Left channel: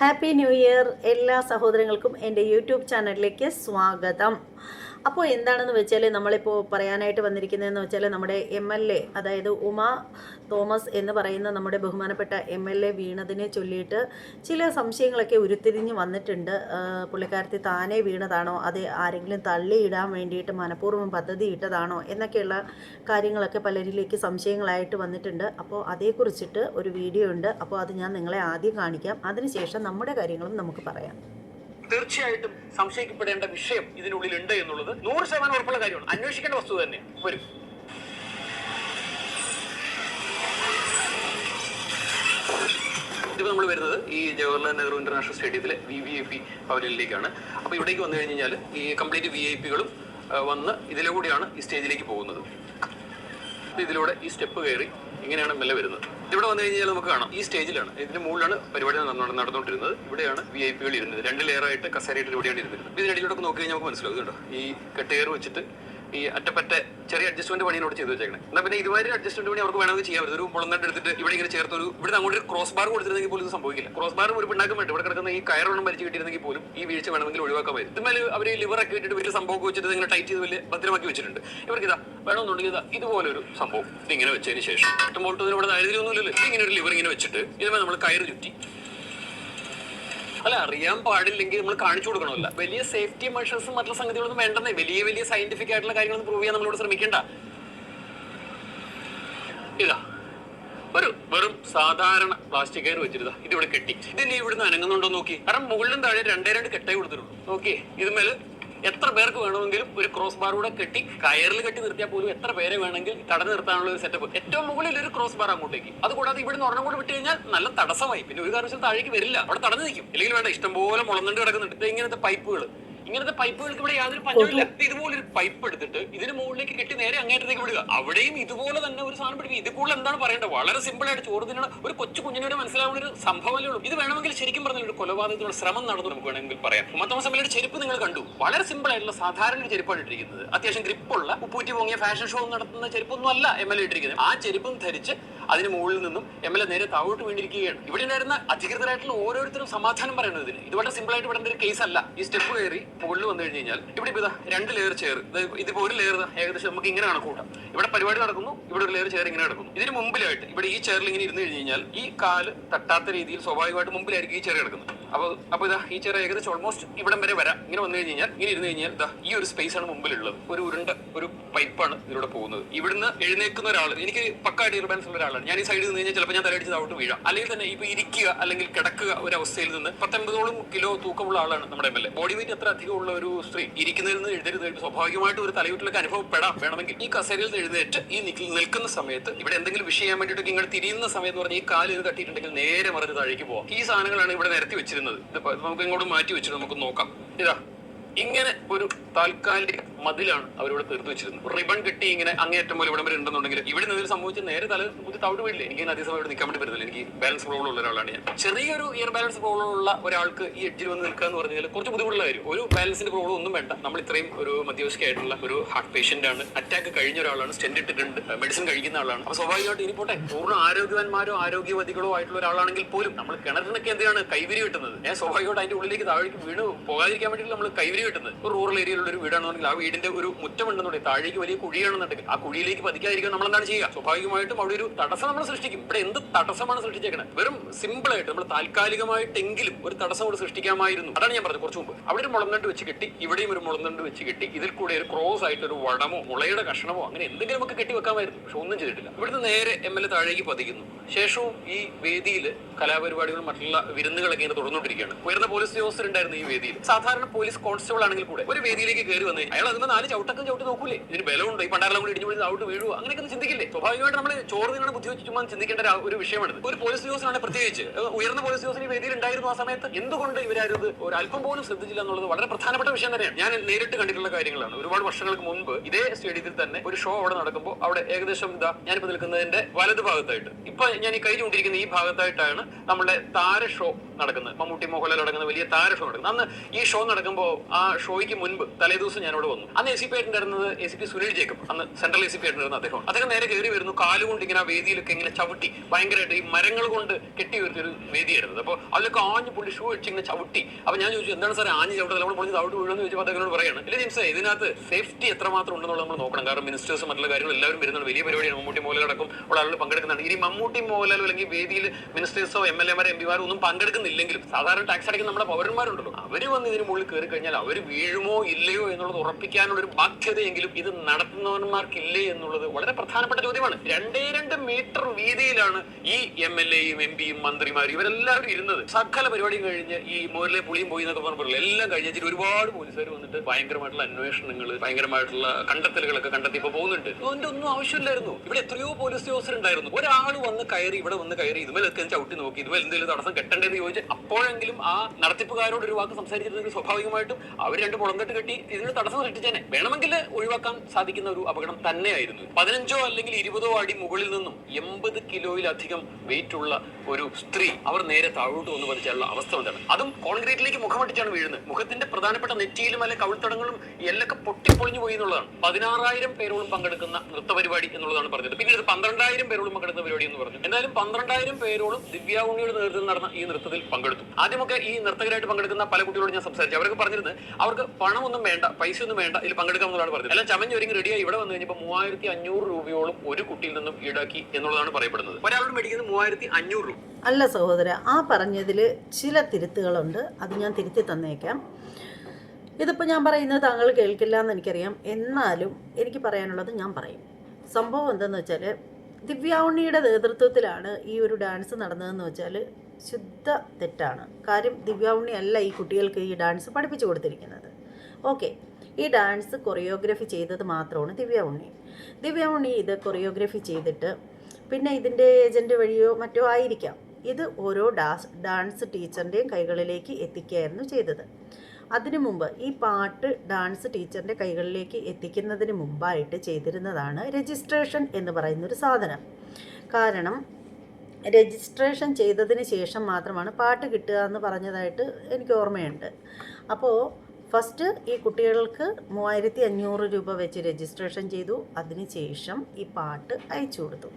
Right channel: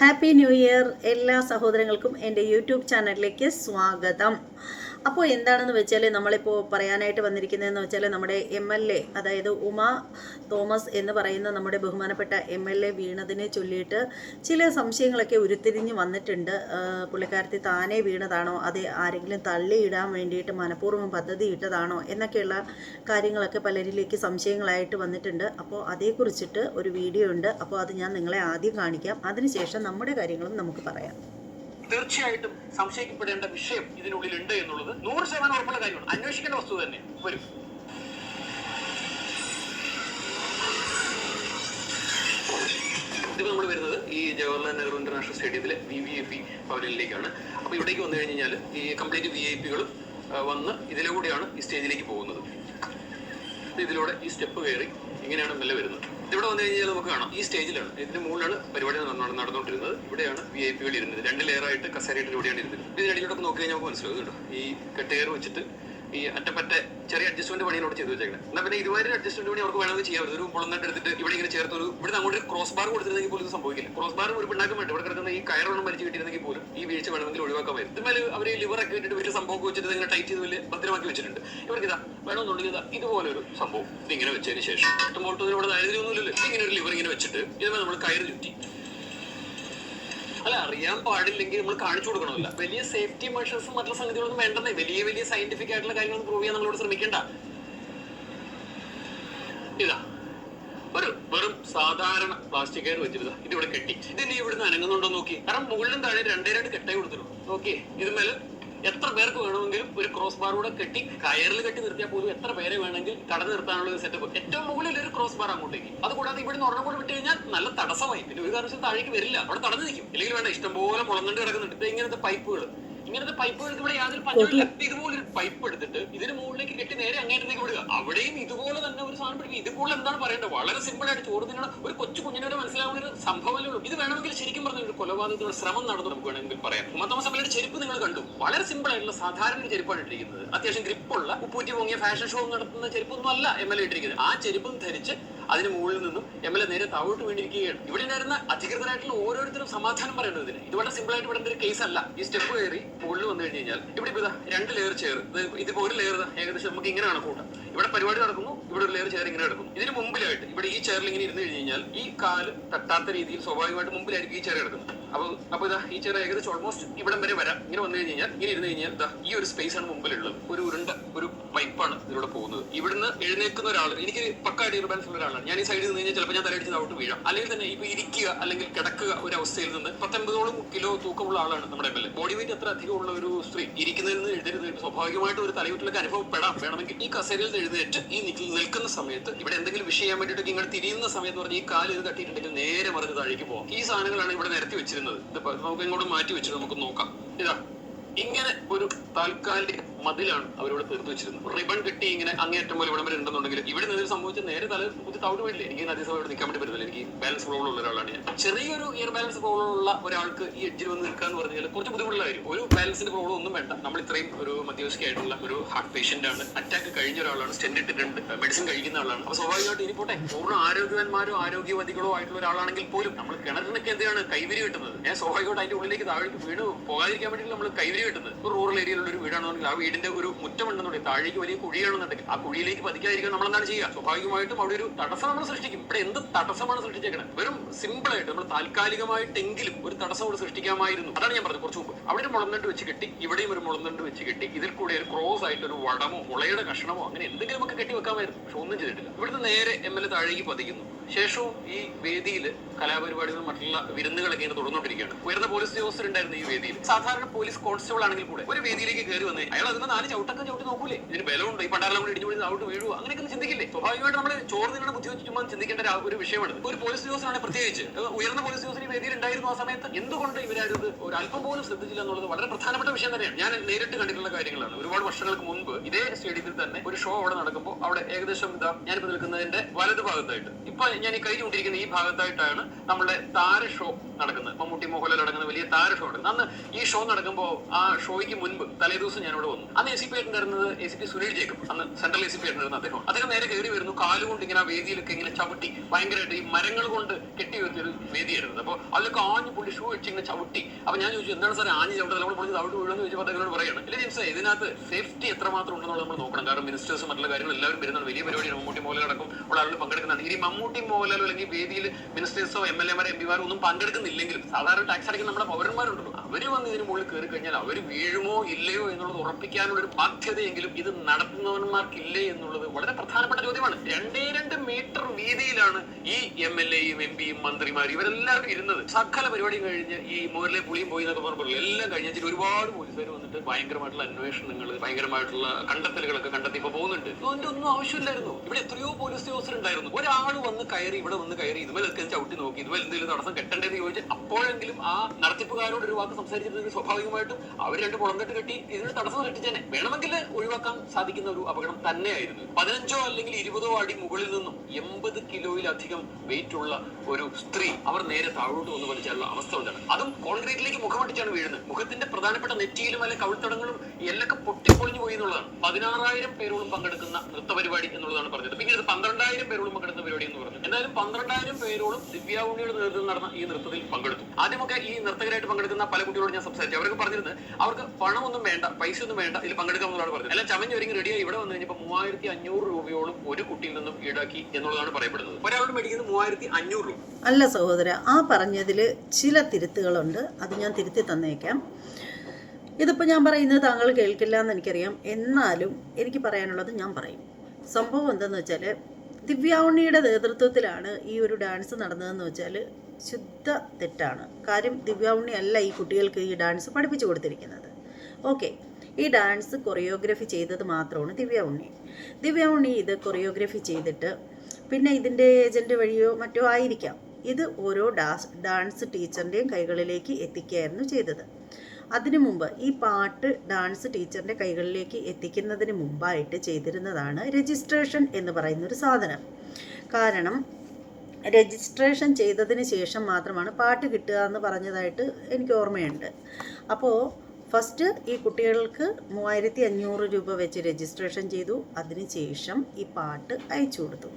Happy new year എല്ലാ സഹോദരങ്ങൾക്കും എന്റെ യൂട്യൂബ് ചാനലിലേക്ക് സ്വാഗതം. അപ്പോൾ എന്താണെന്ന് വെച്ചാൽ നമ്മളിപ്പോൾ പറയാനായിട്ട് വന്നിരിക്കുന്നതെന്ന് വെച്ചാൽ നമ്മുടെ എം എൽ എ അതായത് ഉമ തോമസ് എന്ന് പറയുന്ന നമ്മുടെ ബഹുമാനപ്പെട്ട എം എൽ എ വീണതിനെ ചൊല്ലിയിട്ട് ചില സംശയങ്ങളൊക്കെ ഉരുത്തിരിഞ്ഞ് വന്നിട്ടുണ്ട്. പുള്ളിക്കാരത്തി താനേ വീണതാണോ? അത് ആരെങ്കിലും തള്ളിയിടാൻ വേണ്ടിയിട്ട് മനഃപൂർവം പദ്ധതി ഇട്ടതാണോ എന്നൊക്കെയുള്ള കാര്യങ്ങളൊക്കെ പലരിലേക്ക് സംശയങ്ങളായിട്ട് വന്നിട്ടുണ്ട്. അപ്പോൾ അതേക്കുറിച്ചിട്ട് ഒരു വീഡിയോ ഉണ്ട്. അപ്പോൾ അത് ഞാൻ നിങ്ങളെ ആദ്യം കാണിക്കാം. അതിനുശേഷം നമ്മുടെ കാര്യങ്ങളും നമുക്ക് പറയാം. തീർച്ചയായിട്ടും സംശയിക്കപ്പെടേണ്ട വിഷയം ഇതിനുള്ളിൽ ഉണ്ട് എന്നുള്ളത് നൂറ് ശതമാനം ഉറപ്പുള്ള കാര്യമാണ്. അന്വേഷിക്കേണ്ട വസ്തു തന്നെ. വരും. ഇത് നമ്മൾ വരുന്നത് ഈ ജവഹർലാൽ നെഹ്റു ഇന്റർനാഷണൽ സ്റ്റേഡിയത്തിലെ വി വി ഐ പി പവലിയനിലേക്കാണ്. അപ്പോൾ ഇവിടേക്ക് വന്നു കഴിഞ്ഞാൽ ഈ കംപ്ലീറ്റ് വി ഐ പികളും വന്ന് ഇതിലൂടെയാണ് ഈ സ്റ്റേജിലേക്ക് പോകുന്നത്. ഇത് ഇതിലൂടെ ഈ സ്റ്റെപ്പ് കയറി ഇങ്ങനെയാണ് മെല്ലെ വരുന്നത്. ഇവിടെ വന്നു കഴിഞ്ഞാൽ നമുക്ക് കാണാം. ഈ സ്റ്റേജിലാണ്. ഇതിന്റെ മുകളിലാണ് പരിപാടി നട- നടന്നുകൊണ്ടിരുന്നത്. ഇവിടെയാണ് വി ഐ പികൾ ഇരുന്നത്. രണ്ട് ലെയറായിട്ട് ആയിട്ട് കസേരയായിട്ട് ഇവിടെയാണ് ഇരുന്നത്. ഇതിനിടയിലൂടെ നോക്കി കഴിഞ്ഞാൽ നമുക്ക് മനസ്സിലാവും. ഈ കെട്ടയർ വെച്ചിട്ട് ഈ അറ്റപ്പറ്റ ചെറിയ അഡ്ജസ്റ്റ്മെന്റ് പണിയോട് ചെയ്തു വെച്ചേക്കണം. എന്നാൽ പിന്നെ ഇതുവരെ അഡ്ജസ്റ്റ്മെന്റ് പണി അവർക്ക് വേണമെങ്കിൽ ചെയ്യാം. ഒരു പൊളന്നിട്ട് എടുത്തിട്ട് ഇവിടെ ഇങ്ങനെ ചേർത്ത് ഒരു ഇവിടെ അങ്ങോട്ട് ക്രോസ് ബാർ കൊടുത്തിരുന്നെങ്കിൽ പോലും സംഭവിക്കില്ല. ക്രോസ് ബാർ ഒരു പിണ്ണാക്കം വേണ്ട ഇവിടെ കിടക്കുന്ന ഈ കയറൊന്നും വലിച്ചു കിട്ടിയിരുന്നെങ്കിൽ പോലും ഈ വീഴ്ച വേണമെങ്കിൽ ഒഴിവാക്കാൻ വരും ഇതുമേൽ അവർ ലിവർ ഒക്കെ ഇട്ടിട്ട് വലിയ സംഭവം വെച്ചിട്ട് ഇങ്ങനെ ടൈറ്റ് ചെയ്ത് വലിയ ഭദ്രമാക്കി വെച്ചിട്ടുണ്ട്. ഇവർക്ക് ഇതാ വേണമെന്നുണ്ടെങ്കിൽ ഇതാ ഇതുപോലെ ഒരു സംഭവം ഇങ്ങനെ വെച്ചതിന് ശേഷം. ഇഷ്ടംപോലെ ഇവിടെ ദാരിദ്ര്യമൊന്നുമില്ലല്ലോ ഇങ്ങനെ ഒരു ലിവർ ഇങ്ങനെ വെച്ചിട്ട് ഇതുമായി നമ്മൾ കയറ് ചുറ്റി. അല്ല അറിയാൻ പാടില്ലെങ്കിൽ നമ്മൾ കാണിച്ചു കൊടുക്കണമല്ല. വലിയ സേഫ്റ്റി മെഷേഴ്സും മറ്റുള്ള സംഗതികളൊന്നും വേണ്ടെന്നേ. വലിയ വലിയ സയന്റിഫിക് ആയിട്ടുള്ള കാര്യങ്ങളൊന്നും പ്രൂവ് ചെയ്യാൻ നമ്മളോട് ശ്രമിക്കണ്ട. ഇതാ. ഒരു വെറും സാധാരണ പ്ലാസ്റ്റിക് കയർ വെച്ചിരുതാ ഇത് ഇവിടെ കെട്ടി. ഇതിന്റെ ഇവിടുന്ന് അനങ്ങുന്നുണ്ടോ നോക്കി. കാരണം മുകളിലും താഴെ രണ്ടേ രണ്ട് കെട്ടായി കൊടുത്തിരുന്നു നോക്കി ഇതുമേൽ എത്ര പേർക്ക് വേണമെങ്കിലും ഒരു ക്രോസ് ബാർ കൂടെ കെട്ടി കയറിൽ കെട്ടി നിർത്തിയാൽ പോലും എത്ര പേരെ വേണമെങ്കിൽ തടഞ്ഞു നിർത്താനുള്ള ഒരു സെറ്റപ്പ് ഏറ്റവും മുകളിൽ ഒരു ക്രോസ് ബാർ അങ്ങോട്ടേക്ക്. അതുകൂടാതെ ഇവിടുന്ന് ഒരെണ്ണം കൂടെ വിട്ട് കഴിഞ്ഞാൽ നല്ല തടസ്സമായി. പിന്നെ ഒരു കാരണവശാലും താഴേക്ക് വരില്ല. അവിടെ തടഞ്ഞു നിൽക്കും. ഇല്ലെങ്കിൽ വേണ്ട ഇഷ്ടംപോലെ മുളന്നുണ്ട് കിടക്കുന്നുണ്ട്. ഇങ്ങനത്തെ പൈപ്പുകൾ. ഇങ്ങനത്തെ പൈപ്പുകൾക്ക് ഇവിടെ യാതൊരു പഞ്ഞമില്ല. ഇതുപോലെ ഒരു പൈപ്പ് എടുത്തിട്ട് ഇതിന് മുകളിലേക്ക് കെട്ടി നേരെ അങ്ങേറ്റത്തേക്ക് വിടുക അവിടെയും ഇതുപോലെ തന്നെ ഒരു സാധനം പിടിക്കും. ഇതുപോലെ എന്താണ് പറയേണ്ടത്? വളരെ സിമ്പിൾ ആയിട്ട് ചോറ് തിന്നണ ഒരു കൊച്ചു കുഞ്ഞിനോട് മനസ്സിലാവുന്ന ഒരു സംഭവമല്ലേ ഉള്ളൂ. ഇത് വേണമെങ്കിൽ ശരിക്കും പറഞ്ഞ ഒരു കൊലപാതകത്തിനുള്ള ശ്രമം നടന്നു നമുക്ക് വേണമെങ്കിൽ പറയാം. മൊത്തം സമയത്ത് ചെരുപ്പ് നിങ്ങൾ കണ്ടു. വളരെ സിമ്പിൾ ആയിട്ടുള്ള സാധാരണ ഒരു ചെരുപ്പാണ് ഇട്ടിരിക്കുന്നത്. അത്യാവശ്യം ഗ്രിപ്പുള്ള ഉപ്പൂറ്റി പൊങ്ങിയ ഫാഷൻ ഷോ നടത്തുന്ന ചെരുപ്പൊന്നും അല്ല എം എൽ എ ഇട്ടിരിക്കുന്നത്. ആ ചെരുപ്പും ധരിച്ച് അതിന് മുകളിൽ നിന്നും എം എൽ എ നേരെ താഴോട്ട് വീണ്ടിരിക്കുകയാണ് ഇവിടെ ഉണ്ടായിരുന്ന അധികൃതരായിട്ടുള്ള ഓരോരുത്തരും സമാധാനം പറയുന്നതിന് ഇത് വളരെ സിമ്പിൾ ആയിട്ട് ഇവിടെ ഒരു കേസ് അല്ല. ഈ സ്റ്റെപ്പ് കയറി മുകളിൽ വന്നു കഴിഞ്ഞു കഴിഞ്ഞാൽ ഇവിടെ ഇതാ രണ്ട് ലെയർ ചെയർ ഇതിപ്പോ ഒരു ലെയർ ഏകദേശം നമുക്ക് ഇങ്ങനെ കണക്കൂട്ടാം ഇവിടെ പരിപാടി നടക്കുന്നു ഇവിടെ ഒരു ലെയർ ചെയർ ഇങ്ങനെ നടക്കുന്നു ഇതിന് മുമ്പിലായിട്ട് ഇവിടെ ഈ ചെയറിൽ ഇങ്ങനെ ഇരുന്ന് കഴിഞ്ഞ് കഴിഞ്ഞാൽ ഈ കാൽ തട്ടാത്ത രീതിയിൽ സ്വാഭാവികമായിട്ട് മുമ്പിലായിരിക്കും ഈ ചെയർ കിടക്കുന്നത്. അപ്പൊ അപ്പോൾ ഇതാ ഈ ചെറിയ ഏകദേശം ഓൾമോസ്റ്റ് ഇവിടം വരെ വരാം. ഇങ്ങനെ വന്നു കഴിഞ്ഞ് കഴിഞ്ഞാൽ ഇങ്ങനെ ഇരുന്ന് കഴിഞ്ഞാൽ ഇതാ ഈ ഒരു സ്പേസ് ആണ് മുമ്പിലുള്ളത്. ഒരു ഉരുണ്ട ഒരു പൈപ്പാണ് ഇതിലൂടെ പോകുന്നത്. ഇവിടുന്ന് എഴുന്നേക്കുന്ന ഒരാൾ എനിക്ക് പക്കായിട്ട് ഒരു ഉള്ള ഒരാളാണ്. ഞാൻ ഈ സൈഡിൽ നിന്ന് കഴിഞ്ഞാൽ ചിലപ്പോൾ ഞാൻ തലയടിച്ച് താവട്ട് വീഴാം. അല്ലെങ്കിൽ തന്നെ ഇപ്പൊ ഇരിക്കുക അല്ലെങ്കിൽ കിടക്കുക ഒരു അവസ്ഥയിൽ നിന്ന് പത്തൊൻപതോളം കിലോ തൂക്കമുള്ള ആളാണ് നമ്മുടെ M L A body weight അത്ര അധികമുള്ള ഒരു സ്ത്രീ. ഇരിക്കുന്നതിൽ നിന്ന് എഴുതരുത്. സ്വാഭാവികമായിട്ട് ഒരു തലയൂട്ടിലൊക്കെ അനുഭവപ്പെടാം. വേണമെങ്കിൽ ഈ കസേരയിൽ എഴുന്നേറ്റ് ഈ നിൽക്കുന്ന സമയത്ത് ഇവിടെ എന്തെങ്കിലും വിഷയം ചെയ്യാൻ വേണ്ടിയിട്ട് ഇങ്ങനെ തിരിയുന്ന സമയത്ത് പറഞ്ഞാൽ ഈ കാൽ ഇത് തട്ടിയിട്ടുണ്ടെങ്കിൽ നേരെ മറിഞ്ഞ് താഴേക്ക് പോവാം. ഈ സാധനങ്ങളാണ് ഇവിടെ നിരത്തി ഇതിപ്പോ നമുക്ക് ഇങ്ങോട്ട് മാറ്റി വെച്ചിട്ട് നമുക്ക് നോക്കാം. ഇതാ ഇങ്ങനെ ഒരു താൽക്കാലിക മതിലാണ് അവരിവിടെ തീർത്തു വെച്ചിരുന്നത്. റിബൺ കെട്ടി ഇങ്ങനെ അങ്ങേറ്റം പോലെ ഇവിടെ വരെ ഉണ്ടെന്നുണ്ടെങ്കിൽ ഇവിടെ നിന്ന് സംഭവിച്ച നേരെ തല കുത്തി തവിട് വീട്ടില്ല എനിക്ക് അതേസമയം ഇവിടെ നിൽക്കാൻ വേണ്ടി പറ്റുന്നില്ല എനിക്ക് ബാലൻസ് പ്രോബ്ലം ഉള്ള ഒരാളാണ് ഞാൻ. ചെറിയൊരു ഇയർ ബാലൻസ് പ്രോബ്ലം ഉള്ള ഒരാൾക്ക് ഈ എഡ്ജിൽ വന്ന് നിൽക്കുക എന്ന് പറഞ്ഞാൽ കുറച്ച് ബുദ്ധിമുട്ടുള്ള കാര്യം. ഒരു ബാലൻസിന്റെ പ്രോബ്ലം ഒന്നും വേണ്ട. നമ്മൾ ഇത്രയും ഒരു മധ്യവയസ്കയായിട്ടുള്ള ഒരു ഹാർട്ട് പേഷ്യന്റ് ആണ്. അറ്റാക്ക് കഴിഞ്ഞ ഒരാളാണ്. സ്റ്റെൻഡ് ഇട്ടിട്ടുണ്ട്. മെഡിസിൻ കഴിക്കുന്ന ആളാണ്. അപ്പൊ സ്വാഭാവികമായിട്ട് ഇനി പോട്ടെ. പൂർണ ആരോഗ്യവാന്മാരോ ആരോഗ്യവതികളോ ആയിട്ടുള്ള ഒരാളാണെങ്കിൽ പോലും നമ്മൾ കിണറിനൊക്കെ എന്തിനാണ് കൈവരി കിട്ടുന്നത് ഞാൻ സ്വാഭാവികമായിട്ട് അതിന്റെ ഉള്ളിലേക്ക് താഴേക്ക് വീണ് പോകാതിരിക്കാൻ വേണ്ടി നമ്മൾ കൈവരി കിട്ടുന്നത് റൂറൽ ഏരിയയിലുള്ള ഒരു വീടാണെന്നുണ്ടെങ്കിൽ ആ വീടിന്റെ ഒരു മുറ്റമുണ്ടെന്നുണ്ടെങ്കിൽ താഴേക്ക് വലിയ കുഴിയാണെന്നുണ്ടെങ്കിൽ ആ കുഴിയിലേക്ക് പതിക്കാതിരിക്കാൻ നമ്മൾ എന്താണ് ചെയ്യുക? സ്വാഭാവികമായിട്ടും അവിടെ ഒരു തടസ്സം നമ്മൾ സൃഷ്ടിക്കും. ഇവിടെ എന്ത് തടസ്സമാണ് സൃഷ്ടിച്ചേക്കുന്നത് വെറും സിമ്പിൾ ആയിട്ട് നമ്മൾ താൽക്കാലികമായിട്ടെങ്കിലും ഒരു തടസ്സം അവിടെ സൃഷ്ടിക്കാമായിരുന്നു. അതാണ് ഞാൻ പറഞ്ഞത് കുറച്ച് മുമ്പ്. അവിടെ ഒരു മുളന്നണ്ട് വെച്ച് കെട്ടി ഇവിടെയും ഒരു മുളന്നണ്ട് വെച്ച് കെട്ടി ഇതിൽ കൂടെ ഒരു ക്രോസ് ആയിട്ട് ഒരു വടമോ മുളയുടെ കഷ്ണമോ അങ്ങനെ എന്തെങ്കിലും നമുക്ക് കെട്ടി വെക്കാമായിരുന്നു പക്ഷെ ഒന്നും ചെയ്തിട്ടില്ല. ഇവിടുന്ന് നേരെ എം എൽ എ താഴേക്ക് പതിക്കുന്നു. ശേഷവും ഈ വേദിയിൽ കലാപരിപാടികളും മറ്റുള്ള വിരുന്നുകളൊക്കെ ഇങ്ങനെ തുടർന്നുകൊണ്ടിരിക്കുകയാണ്. ഉയർന്ന പോലീസ് ഉദ്യോഗസ്ഥരുണ്ടായിരുന്നു ഈ വേദിയിൽ സാധാരണ പോലീസ് കോൺസ്റ്റബിൾ ആണെങ്കിൽ കൂടെ ഒരു വേദിയിലേക്ക് കയറി വന്നു അയാൾ അതിന് നാല് ചവിട്ടൊക്കെ ചവിട്ടി നോക്കൂലേ? ഇതിന് ബലമുണ്ട്. ഈ പണ്ടാരെല്ലാം കൂടി ഇടിഞ്ഞു ഔട്ട് വീഴുവോ? അങ്ങനെയൊക്കെ ചിന്തിക്കില്ലേ? സ്വാഭാവികമായിട്ട് നമ്മൾ ചോറ് നിന്നാണ് ബുദ്ധി വെച്ച് ചുമ്മാ ചിന്തിക്കേണ്ട ഒരു- വിഷയമാണ്. ഒരു പോലീസ് ഉദ്യോഗസ്ഥനാണ് പ്രത്യേകിച്ച്. ഉയർന്ന പോലീസ് ഉദ്യോഗസ്ഥൻ ഈ വേദിയിൽ ഉണ്ടായിരുന്നു ആ സമയത്ത്? എന്തുകൊണ്ട് ഒരല്പം ഒരു പോലും ശ്രദ്ധിച്ചില്ല എന്നുള്ളത് വളരെ പ്രധാനപ്പെട്ട വിഷയം തന്നെയാണ്. ഞാൻ നേരിട്ട് കണ്ടിട്ടുള്ള കാര്യങ്ങളാണ്. ഒരുപാട് വർഷങ്ങൾക്ക് മുൻപ് ഇതേ സ്റ്റേഡിയത്തിൽ തന്നെ ഒരു ഷോ അവിടെ നടക്കുമ്പോൾ അവിടെ ഏകദേശം ഇതാ ഞാനിപ്പോ നിൽക്കുന്നതിന്റെ വലത് ഭാഗത്തായിട്ട് ഇപ്പൊ ഞാൻ ഈ കൈ ഈ ഭാഗത്തായിട്ടാണ് നമ്മുടെ താര ഷോ നടക്കുന്നത്. മമ്മൂട്ടി മോഹൻലാൽ അടങ്ങുന്ന വലിയ താര ഷോ നടക്കുന്നത്. അന്ന് ഈ ഷോ നടക്കുമ്പോൾ ആ ഷോയ്ക്ക് മുൻപ് തലേദിവസം ഞാൻ ഇവിടെ വന്നു. അന്ന് A C P ആയിട്ടുണ്ടായിരുന്നത് A C P Sunil Jacob. അന്ന് സെൻട്രൽ എ സി പി ആയിട്ടുണ്ടായിരുന്ന അദ്ദേഹം. അദ്ദേഹം നേരെ കയറി വരുന്നു. കാലുകൊണ്ട് ഇങ്ങനെ ആ വേദിയിലൊക്കെ ഇങ്ങനെ ചവിട്ടി. ഭയങ്കരമായിട്ട് ഈ മരങ്ങൾ കൊണ്ട് കെട്ടി ഉയർത്തിയൊരു വേദിയായിരുന്നു. അപ്പോൾ അതിലൊക്കെ ആഞ്ഞു പുള്ളി ഷൂ വെച്ച് ഇങ്ങനെ ചവിട്ടി. അപ്പൊ ഞാൻ ചോദിച്ചു എന്താണ് സാർ ആഞ്ഞ് ചവിട്ടത് നമ്മൾ പൊളിച്ച് ചവിട്ട് വീഴുമെന്ന് ചോദിച്ചപ്പോൾ അദ്ദേഹം പറയുകയാണ് ഇല്ല ജെയിംസ് ഇതിനകത്ത് സേഫ്റ്റി എത്രമാത്രം ഉണ്ടെന്നുള്ളത് നമ്മൾ നോക്കണം. കാരണം മിനിസ്റ്റേഴ്സും മറ്റുള്ള കാര്യങ്ങളും എല്ലാവരും വരുന്നുണ്ട് വലിയ പരിപാടിയാണ് മമ്മൂട്ടി മോഹൻലാൽ അടക്കം ഉള്ള ആളുകൾ പങ്കെടുക്കുന്നുണ്ട് ഇനി മമ്മൂട്ടി മോഹൻലാലോ അല്ലെങ്കിൽ വേദിയിൽ മിനിസ്റ്റേഴ്സോ എം എൽ എമാരോ എം പിമാരോ ഒന്നും പങ്കെടുക്കുന്നില്ലെങ്കിലും സാധാരണ ടാക്സ് അടയ്ക്കുന്ന നമ്മുടെ പൗരന്മാരുണ്ടല്ലോ. അവർ വന്ന് ഇതിന് മുകളിൽ കയറി കഴിഞ്ഞാൽ അവർ വീഴുമോ ഇല്ലയോ എന്നുള്ളത് ഉറപ്പിക്കാനുള്ള ഒരു ബാധ്യതയെങ്കിലും ഇത് നടത്തുന്നവന്മാർക്കില്ലേ എന്നുള്ളത് വളരെ പ്രധാനപ്പെട്ട ചോദ്യമാണ്. രണ്ടേ രണ്ട് മീറ്റർ വീതിയിലാണ് ഈ എം എൽ എയും എം പിയും മന്ത്രിമാരും ഇവരെല്ലാവരും ഇരുന്നത്. സകല പരിപാടി കഴിഞ്ഞ് ഈ മോരിലെ പുളിയും പോയി എന്നൊക്കെ പറഞ്ഞപ്പോൾ എല്ലാം കഴിഞ്ഞിട്ട് ഒരുപാട് പോലീസുകാർ വന്നിട്ട് ഭയങ്കരമായിട്ടുള്ള അന്വേഷണങ്ങൾ ഭയങ്കരമായിട്ടുള്ള കണ്ടെത്തലുകളൊക്കെ കണ്ടെത്തി ഇപ്പൊ പോകുന്നുണ്ട് അതിന്റെ ഒന്നും ആവശ്യമില്ലായിരുന്നു. ഇവിടെ എത്രയോ പോലീസ് ഉദ്യോഗസ്ഥരുണ്ടായിരുന്നു. ഒരാൾ വന്ന് കയറി ഇവിടെ വന്ന് കയറി ഇതുമേലൊക്കെ ചവിട്ടി നോക്കി ഇതുമേൽ എന്തെങ്കിലും തടസ്സം കെട്ടേണ്ടത് ചോദിച്ച് അപ്പോഴെങ്കിലും ആ നടത്തിപ്പുകാരോട് ഒരു വാക്ക് സംസാരിച്ചിട്ടുണ്ടെങ്കിൽ സ്വാഭാവികമായിട്ടും അവർ രണ്ട് പുറംകെട്ട് കെട്ടി ഇതിന് തടസ്സം സൃഷ്ടിച്ചേനെ. വേണമെങ്കിൽ ഒഴിവാക്കാൻ സാധിക്കുന്ന ഒരു അപകടം തന്നെയായിരുന്നു പതിനഞ്ചോ അല്ലെങ്കിൽ ഇരുപതോ അടി മുകളിൽ നിന്നും എൺപത് കിലോയിലധികം വെയിറ്റ് ഉള്ള ഒരു സ്ത്രീ അവർ നേരെ താഴോട്ട് വന്ന് പതിച്ചാലുള്ള അവസ്ഥ ഉണ്ടാണ് അതും കോൺക്രീറ്റിലേക്ക് മുഖമടിച്ചാണ് വീഴുന്നത്. മുഖത്തിന്റെ പ്രധാനപ്പെട്ട നെറ്റിയിലും അല്ലെ കവിൾത്തടങ്ങളും എല്ലൊക്കെ പൊട്ടിപ്പൊളിഞ്ഞു പോയി എന്നുള്ളതാണ്. പതിനാറായിരം പേരോളം പങ്കെടുക്കുന്ന നൃത്ത പരിപാടി എന്നുള്ളതാണ് പറഞ്ഞത്. പിന്നീട് പന്ത്രണ്ടായിരം പേരോളം പങ്കെടുക്കുന്ന പരിപാടി എന്ന് പറഞ്ഞു എന്തായാലും പന്ത്രണ്ടായിരം പേരോളം ദിവ്യാഭൂമിയുടെ നേതൃത്വത്തിൽ നടന്ന ഈ നൃത്തത്തിൽ പങ്കെടുത്തു. ആദ്യമൊക്കെ ഈ നർത്തകരായിട്ട് പങ്കെടുക്കുന്ന പല കുട്ടികളോട് ഞാൻ സംസാരിച്ചു. അവർക്ക് പറഞ്ഞിരുന്നത് അവർക്ക് പണമൊന്നും വേണ്ട പൈസ ഒന്നും വേണ്ട ഇതിൽ പങ്കെടുക്കാം എന്നുള്ളതാണ് പറഞ്ഞത്. എല്ലാം ചമഞ്ഞ് ഒരുങ്ങി റെഡിയായി ഇവിടെ വന്നു കഴിഞ്ഞപ്പോൾ മൂവായിരത്തി അഞ്ഞൂറ് രൂപയോളം ഒരു കുട്ടിയിൽ നിന്നും ഈടാക്കി എന്നുള്ളതാണ് പറയപ്പെടുന്നത്. ഒരാളോട് മേടിക്കുന്നത് മൂവായിരത്തി അഞ്ഞൂറ് രൂപ. അല്ല സഹോദര ആ പറഞ്ഞതിൽ ചില തിരുത്തുകളുണ്ട്. അത് ഞാൻ തിരുത്തി തന്നേക്കാം. ഇതിപ്പോൾ ഞാൻ പറയുന്നത് താങ്കൾ കേൾക്കില്ല എന്ന് എനിക്കറിയാം. എന്നാലും എനിക്ക് പറയാനുള്ളത് ഞാൻ പറയും. സംഭവം എന്തെന്ന് വെച്ചാൽ ദിവ്യാവുണ്ണിയുടെ നേതൃത്വത്തിലാണ് ഈ ഒരു ഡാൻസ് നടന്നതെന്ന് വെച്ചാൽ ശുദ്ധ തെറ്റാണ്. കാര്യം ദിവ്യാവുണ്ണി അല്ല ഈ കുട്ടികൾക്ക് ഈ ഡാൻസ് പഠിപ്പിച്ചു കൊടുത്തിരിക്കുന്നത്. ഓക്കെ ഈ ഡാൻസ് കൊറിയോഗ്രഫി ചെയ്തത് മാത്രമാണ് ദിവ്യാവുണ്ണി. ദിവ്യാവുണ്ണി ഇത് കൊറിയോഗ്രഫി ചെയ്തിട്ട് പിന്നെ ഇതിന്റെ ഏജന്റ് വഴിയോ മറ്റോ ആയിരിക്കാം. ഇത് ഓരോ ഡാൻസ് ഡാൻസ് ടീച്ചറിന്റെയും കൈകളിലേക്ക് എത്തിക്കുകയായിരുന്നു ചെയ്തത്. അതിനു മുമ്പ് ഈ പാട്ട് ഡാൻസ് ടീച്ചറിന്റെ കൈകളിലേക്ക് എത്തിക്കുന്നതിന് മുമ്പായിട്ട് ചെയ്തിരുന്നതാണ് രജിസ്ട്രേഷൻ എന്ന് പറയുന്നൊരു സാധനം. കാരണം രജിസ്ട്രേഷൻ ചെയ്തതിന് ശേഷം മാത്രമാണ് പാട്ട് കിട്ടുക എന്ന് പറഞ്ഞതായിട്ട് എനിക്ക് ഓർമ്മയുണ്ട്. അപ്പോൾ ഫസ്റ്റ് ഈ കുട്ടികൾക്ക് മൂവായിരത്തി അഞ്ഞൂറ് രൂപ വെച്ച് രജിസ്ട്രേഷൻ ചെയ്തു. അതിന് ശേഷം ഈ പാട്ട് അയച്ചു കൊടുത്തു.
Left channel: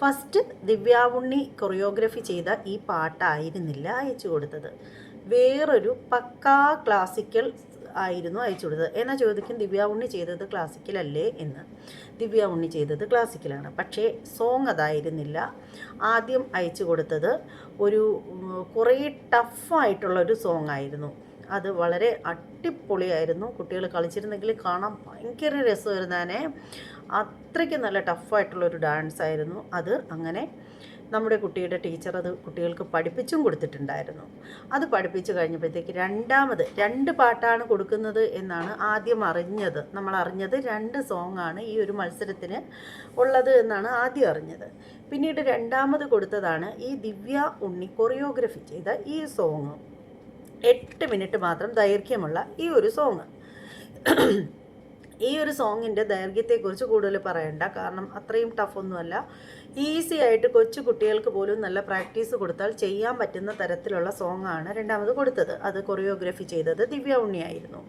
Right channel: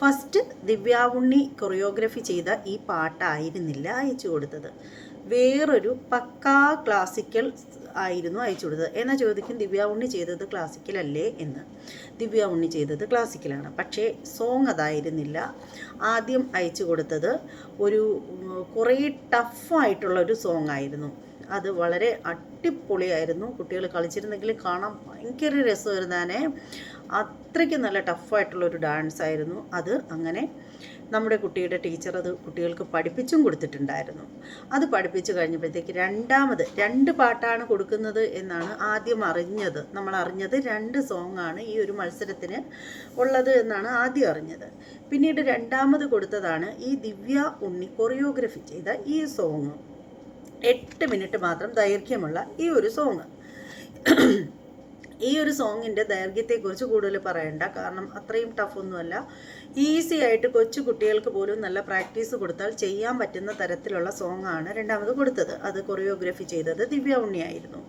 ഫസ്റ്റ് ദിവ്യാവുണ്ണി കൊറിയോഗ്രഫി ചെയ്ത ഈ പാട്ടായിരുന്നില്ല അയച്ചു കൊടുത്തത്. വേറൊരു പക്കാ ക്ലാസിക്കൽ ആയിരുന്നു അയച്ചു കൊടുത്തത് എന്നാൽ ചോദിക്കും? ദിവ്യ ഉണ്ണി ചെയ്തത് ക്ലാസിക്കൽ അല്ലേ എന്ന്. ദിവ്യ ഉണ്ണി ചെയ്തത് ക്ലാസിക്കലാണ് പക്ഷേ സോങ് അതായിരുന്നില്ല. ആദ്യം അയച്ചു കൊടുത്തത് ഒരു കുറേ ടഫായിട്ടുള്ള ഒരു സോങ് ആയിരുന്നു. അത് വളരെ അടിപൊളിയായിരുന്നു. കുട്ടികൾ കളിച്ചിരുന്നെങ്കിൽ കാണാൻ ഭയങ്കര രസമായിരുന്നേ. അത്രയ്ക്ക് നല്ല ടഫായിട്ടുള്ളൊരു ഡാൻസ് ആയിരുന്നു. അത് അങ്ങനെ നമ്മുടെ കുട്ടിയുടെ ടീച്ചർ അത് കുട്ടികൾക്ക് പഠിപ്പിച്ചും കൊടുത്തിട്ടുണ്ടായിരുന്നു. അത് പഠിപ്പിച്ചു കഴിഞ്ഞപ്പോഴത്തേക്ക് രണ്ടാമത് രണ്ട് പാട്ടാണ് കൊടുക്കുന്നത് എന്നാണ് ആദ്യം അറിഞ്ഞത്. നമ്മൾ അറിഞ്ഞത് രണ്ട് സോങ് ആണ് ഈ ഒരു മത്സരത്തിന് ഉള്ളത് എന്നാണ് ആദ്യം അറിഞ്ഞത്. പിന്നീട് രണ്ടാമത് കൊടുത്തതാണ് ഈ ദിവ്യ ഉണ്ണി കൊറിയോഗ്രഫി ചെയ്ത ഈ സോങ് എട്ട് മിനിറ്റ് മാത്രം ദൈർഘ്യമുള്ള ഈ ഒരു സോങ് ഈ ഒരു സോങ്ങിന്റെ ദൈർഘ്യത്തെക്കുറിച്ച് കൂടുതൽ പറയണ്ട. കാരണം അത്രയും ടഫൊന്നുമല്ല ഈസി ആയിട്ട് കൊച്ചു കുട്ടികൾക്ക് പോലും നല്ല പ്രാക്ടീസ് കൊടുത്താൽ ചെയ്യാൻ പറ്റുന്ന തരത്തിലുള്ള സോങ്ങാണ് രണ്ടാമത് കൊടുത്തത്. അത് കൊറിയോഗ്രഫി ചെയ്തത് ദിവ്യ ഉണ്ണിയായിരുന്നു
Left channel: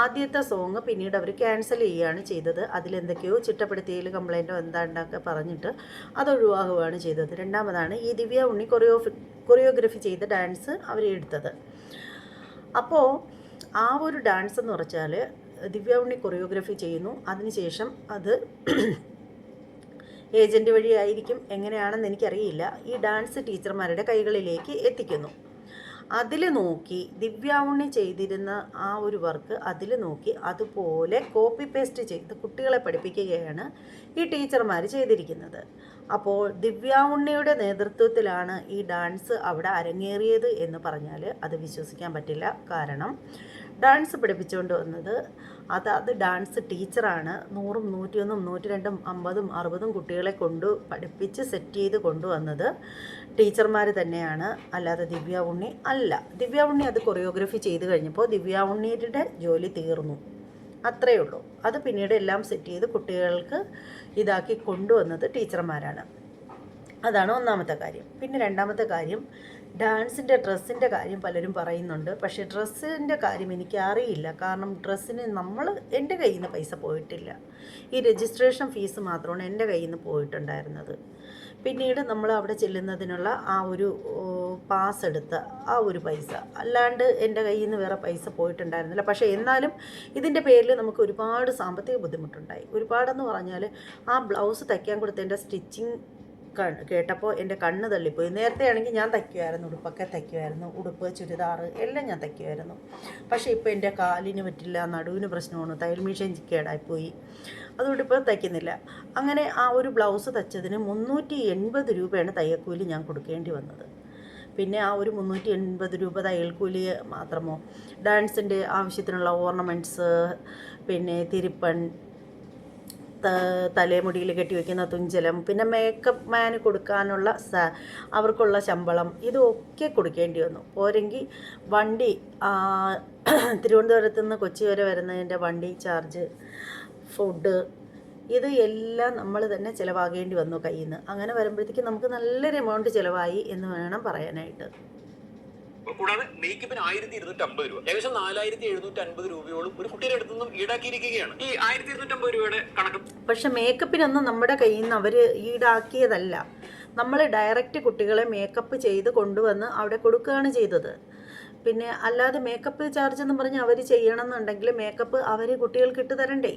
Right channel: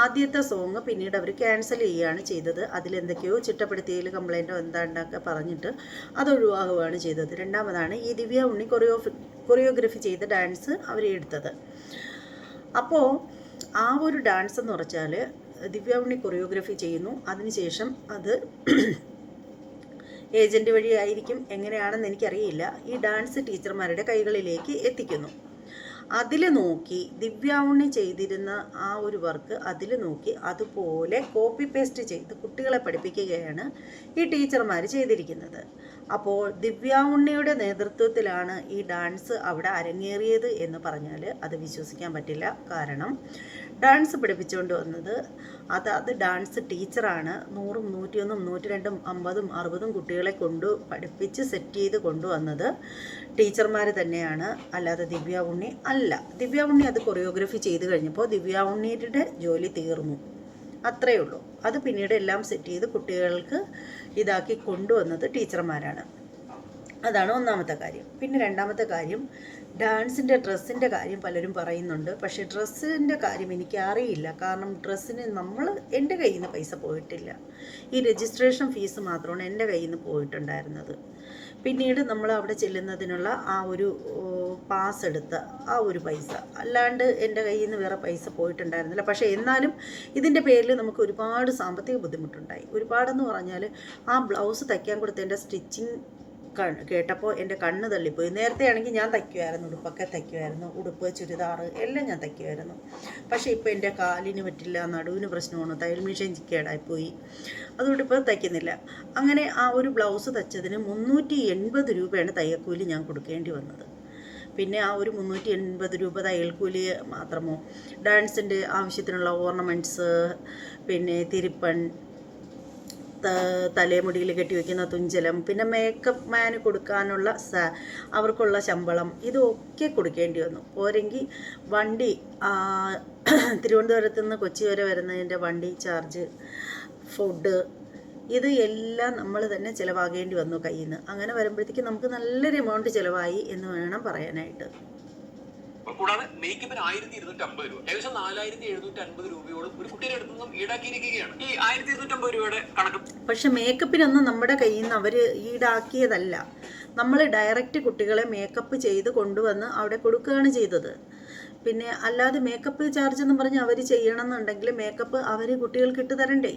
ആദ്യത്തെ സോങ് പിന്നീട് അവർ ക്യാൻസൽ ചെയ്യുകയാണ് ചെയ്തത്. അതിലെന്തൊക്കെയോ ചിട്ടപ്പെടുത്തിയതിൽ കംപ്ലൈന്റോ എന്താണ്ടൊക്കെ പറഞ്ഞിട്ട് അത് ഒഴിവാകുകയാണ് ചെയ്തത്. രണ്ടാമതാണ് ഈ ദിവ്യ ഉണ്ണി കൊറിയോഫി കൊറിയോഗ്രഫി ചെയ്ത ഡാൻസ് അവർ എടുത്തത്. അപ്പോൾ ആ ഒരു ഡാൻസ് എന്ന് പറഞ്ഞാൽ ദിവ്യ ഉണ്ണി കൊറിയോഗ്രഫി ചെയ്യുന്നു. അതിനുശേഷം അത് ഏജന്റ് വഴിയായിരിക്കും എങ്ങനെയാണെന്ന് എനിക്കറിയില്ല. ഈ ഡാൻസ് ടീച്ചർമാരുടെ കൈകളിലേക്ക് എത്തിക്കുന്നു. അതിൽ നോക്കി ദിവ്യാവുണ്ണി ചെയ്തിരുന്ന ആ ഒരു വർക്ക് അതിൽ നോക്കി അതുപോലെ കോപ്പി പേസ്റ്റ് ചെയ്ത് കുട്ടികളെ പഠിപ്പിക്കുകയാണ് ഈ ടീച്ചർമാർ ചെയ്തിരിക്കുന്നത്. അപ്പോൾ ദിവ്യാവുണ്ണിയുടെ നേതൃത്വത്തിലാണ് ഈ ഡാൻസ് അവിടെ അരങ്ങേറിയത് എന്ന് പറഞ്ഞാൽ അത് വിശ്വസിക്കാൻ പറ്റില്ല. കാരണം ഡാൻസ് പഠിപ്പിച്ചുകൊണ്ട് വന്നത് അത് അത് ഡാൻസ് ടീച്ചറാണ് നൂറും നൂറ്റിയൊന്നും നൂറ്റി രണ്ടും അമ്പതും അറുപതും കുട്ടികളെ കൊണ്ട് പഠിപ്പിച്ച് സെറ്റ് ചെയ്ത് കൊണ്ടുവന്നത് ടീച്ചർമാർ തന്നെയാണ്. അല്ലാതെ ദിവ്യ ഉണ്ണി അല്ല. ദിവ്യ ഉണ്ണി അത് കൊറിയോഗ്രഫി ചെയ്ത് കഴിഞ്ഞപ്പോൾ ദിവ്യ ഉണ്ണിയുടെ ജോലി തീർന്നു. അത്രയേ ഉള്ളൂ. അത് പിന്നീട് എല്ലാം സെറ്റ് ചെയ്ത് കുട്ടികൾക്ക് ഇതാക്കി കൊണ്ടുവന്നത് ടീച്ചർമാരാണ്. അതാണ് ഒന്നാമത്തെ കാര്യം. പിന്നെ രണ്ടാമത്തെ കാര്യം ഡാൻസിന്റെ ഡ്രസ്സിന്റെ കാര്യം പലരും പറയുന്നുണ്ട്. പക്ഷേ ഡ്രസ്സിന്റെ കാര്യം എനിക്ക് അറിയില്ല. കാരണം ഡ്രസ്സിന് നമ്മൾ എന്റെ കയ്യിൽ നിന്ന് പൈസ പോയിട്ടില്ല. ഈ രജിസ്ട്രേഷൻ ഫീസ് മാത്രമാണ് എന്റെ കയ്യിൽ നിന്ന് പോയിട്ടുണ്ടായിരുന്നത്. പിന്നീട് നമ്മൾ അവിടെ ചെല്ലുന്നതിനുള്ള ആ ഒരു പാസ് എടുത്ത ആ ഒരു പൈസ. അല്ലാണ്ട് എന്റെ കയ്യിൽ നിന്ന് വേറെ പൈസ പോയിട്ടുണ്ടായിരുന്നില്ല. പക്ഷേ എന്നാലും ഇതിന്റെ പേരിൽ നമുക്ക് ഒരുപാട് സാമ്പത്തിക ബുദ്ധിമുട്ടുണ്ടായി. ഒരുപാടെന്ന് പറഞ്ഞാൽ ആ ബ്ലൗസ് തയ്ക്കാൻ കൊടുത്തതിന്റെ സ്റ്റിച്ചിങ് കേട്ടപ്പോൾ എന്റെ കണ്ണ് തള്ളിപ്പോയി. നേരത്തെ ആണെങ്കിൽ ഞാൻ തയ്ക്കുമായിരുന്നു ഉടുപ്പൊക്കെ തയ്ക്കുമായിരുന്നു ഉടുപ്പ് ചുരിദാർ എല്ലാം ഞാൻ തയ്ക്കുമായിരുന്നു പക്ഷേ ഇപ്പോൾ എന്റെ കാലിന് പറ്റില്ല നടുവിന് പ്രശ്നമാണ് തയ്യൽ മെഷീൻ കേടായിപ്പോയി. അതുകൊണ്ട് ഇപ്പോൾ തയ്ക്കുന്നില്ല. അങ്ങനെ ആ ഒരു ബ്ലൗസ് തയ്ച്ചതിന് മുന്നൂറ്റി എൺപത് രൂപയാണ് തയ്യൽക്കൂലി ഞാൻ കൊടുക്കേണ്ടി വന്നത്. പിന്നെ ആ ഒരു മുന്നൂറ്റി എൺപത് രൂപ തയ്യൽക്കൂലി മാത്രമോ? ഡാൻസിന്റെ ആവശ്യത്തിനുള്ള ഓർണമെന്റ്സ് പിന്നെ തിരുപ്പൺ തലമുടിയിൽ കെട്ടിവെക്കുന്ന തുഞ്ചലം പിന്നെ മേക്കപ്പ് മാന് കൊടുക്കാനുള്ള അവർക്കുള്ള ശമ്പളം ഇതൊക്കെ കൊടുക്കേണ്ടി വന്നു. പോരെങ്കിൽ വണ്ടി തിരുവനന്തപുരത്ത് നിന്ന് കൊച്ചി വരെ വരുന്നതിന്റെ വണ്ടി ചാർജ് ഫുഡ് ഇത് എല്ലാം നമ്മൾ തന്നെ ചിലവാകേണ്ടി വന്നു കയ്യിൽ നിന്ന് അങ്ങനെ വരുമ്പോഴത്തേക്കും നമുക്ക് നല്ലൊരു എമൗണ്ട് ചിലവായി എന്ന് വേണം പറയാനായിട്ട്. കൂടാതെ മേക്കപ്പിന് ആയിരത്തി ഇരുന്നൂറ്റി അമ്പത് രൂപ. ഏകദേശം നാലായിരത്തി എഴുന്നൂറ്റി അൻപത് രൂപയോളം ഒരു കുട്ടിയുടെ അടുത്ത് നിന്നും ഈടാക്കിയിരിക്കുകയാണ്. ഈ ആയിരത്തി ഇരുന്നൂറ്റി അമ്പത് രൂപയുടെ കണക്ക് പക്ഷെ മേക്കപ്പിനൊന്നും നമ്മുടെ കയ്യിൽ നിന്ന് അവർ ഈടാക്കിയതല്ല. നമ്മൾ ഡയറക്റ്റ് കുട്ടികളെ മേക്കപ്പ് ചെയ്ത് കൊണ്ടുവന്ന് അവിടെ കൊടുക്കുകയാണ് ചെയ്തത്. പിന്നെ അല്ലാതെ മേക്കപ്പ് ചാർജ് എന്ന് പറഞ്ഞ് അവർ ചെയ്യണമെന്നുണ്ടെങ്കിൽ മേക്കപ്പ് അവർ കുട്ടികൾക്ക് ഇട്ട് തരണ്ടേ?